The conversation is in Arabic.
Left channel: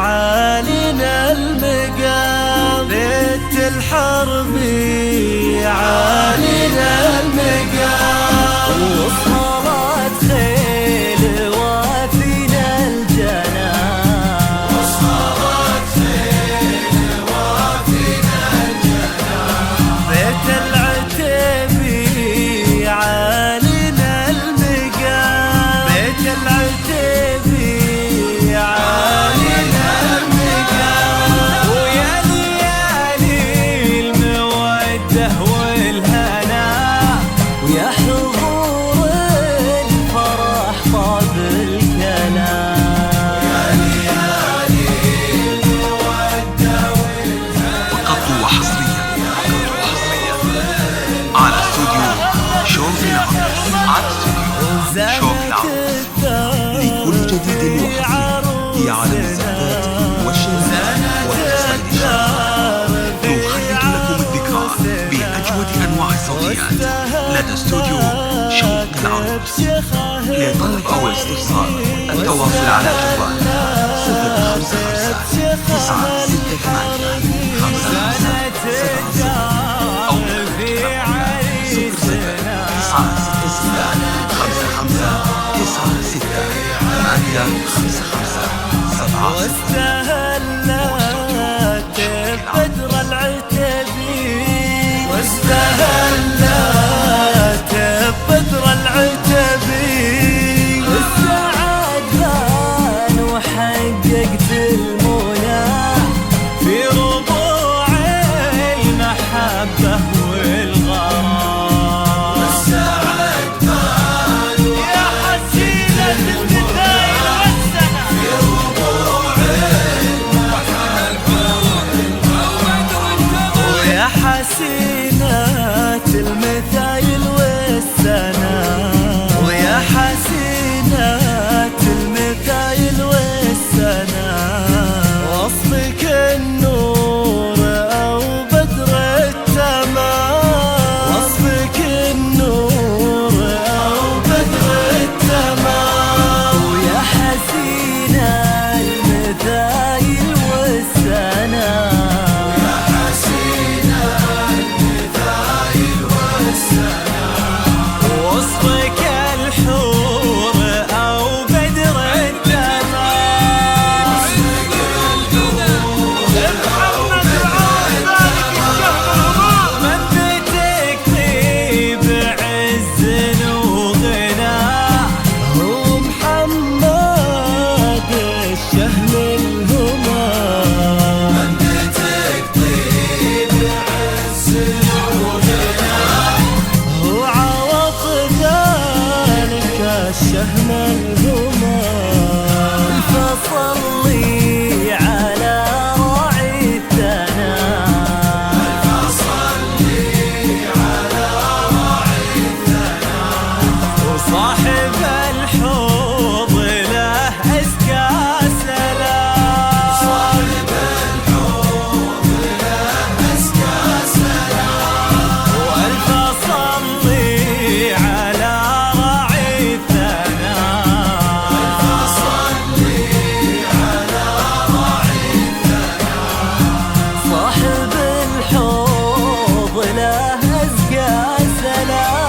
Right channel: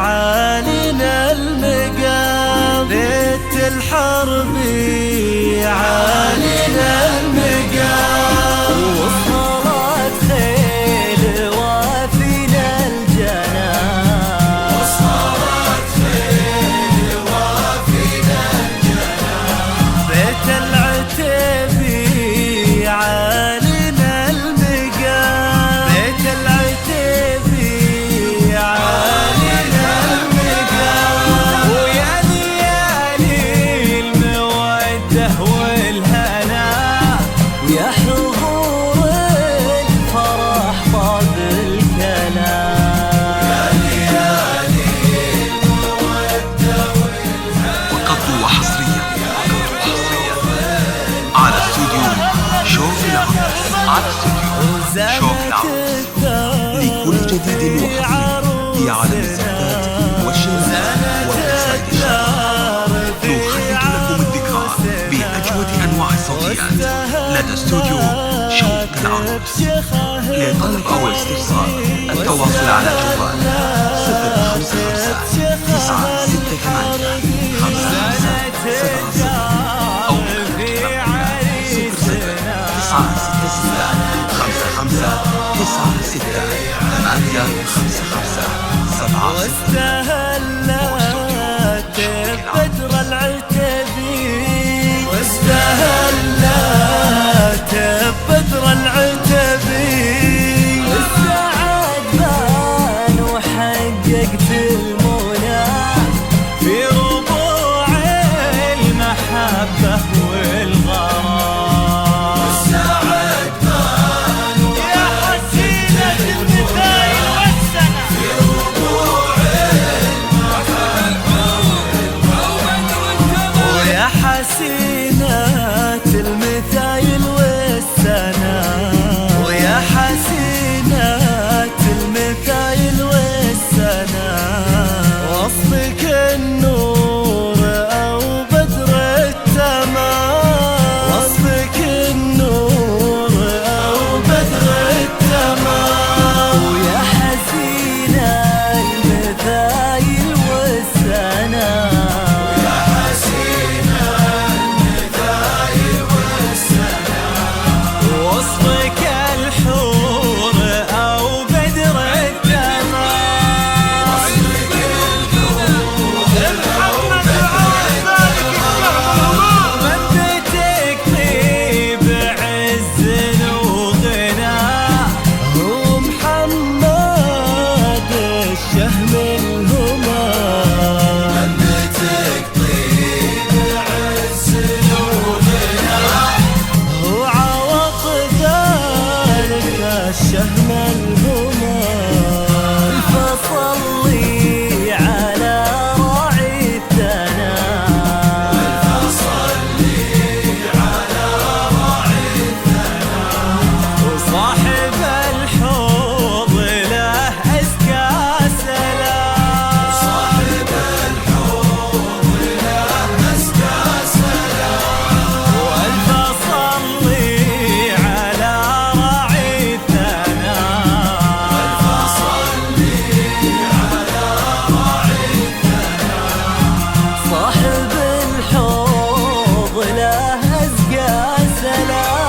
عالينا المقام، بيت الحرب عالينا المقام، وصلت خيل وافينا الجنان، بيت العتيبي عالينا المقام، بيت العتيبي عالينا المقام، ويا ليالي المودة والهنا، ويا حضور الفرح طاب الكلام. وقد وحصريا على استوديو شوق العرس، شوق العرس لكل جديد وحصري في عالم الزفات والشيلات والقصائد الشعرية. نخلد لكم الذكرى بأجود أنواع الصوتيات لدى استوديو شوق العرس. لطلب أو الاستفسار التواصل على جوال 055 968 5570 أو واستهلت بدر العتبي، واستهلت بدر العتبي، السعد بان وحققت المنى في ربوع المحبة والغرام. يا حسينة المثايل والسنة، ويا حسينة المثايل والسنة، ويا حسينة المثايل والسنة، وصفك النور أو بدر التمام، وصفك النور أو بدر التمام، ويا حسينة المثايل والسنة، وصفك الحور أو بدر التمام، محمد وعوض ذلك الشهم الهمام، من بيتك طيب عز وغنى، هو محمد الشهم الهمام، هو عوض ذلك الشهم الهمام، فصلي على راعي الثنا، وصاحب الحوض له أزكى سلام، وألف صلي على راعي الثنا، صاحب الحوض له أزكى سلام.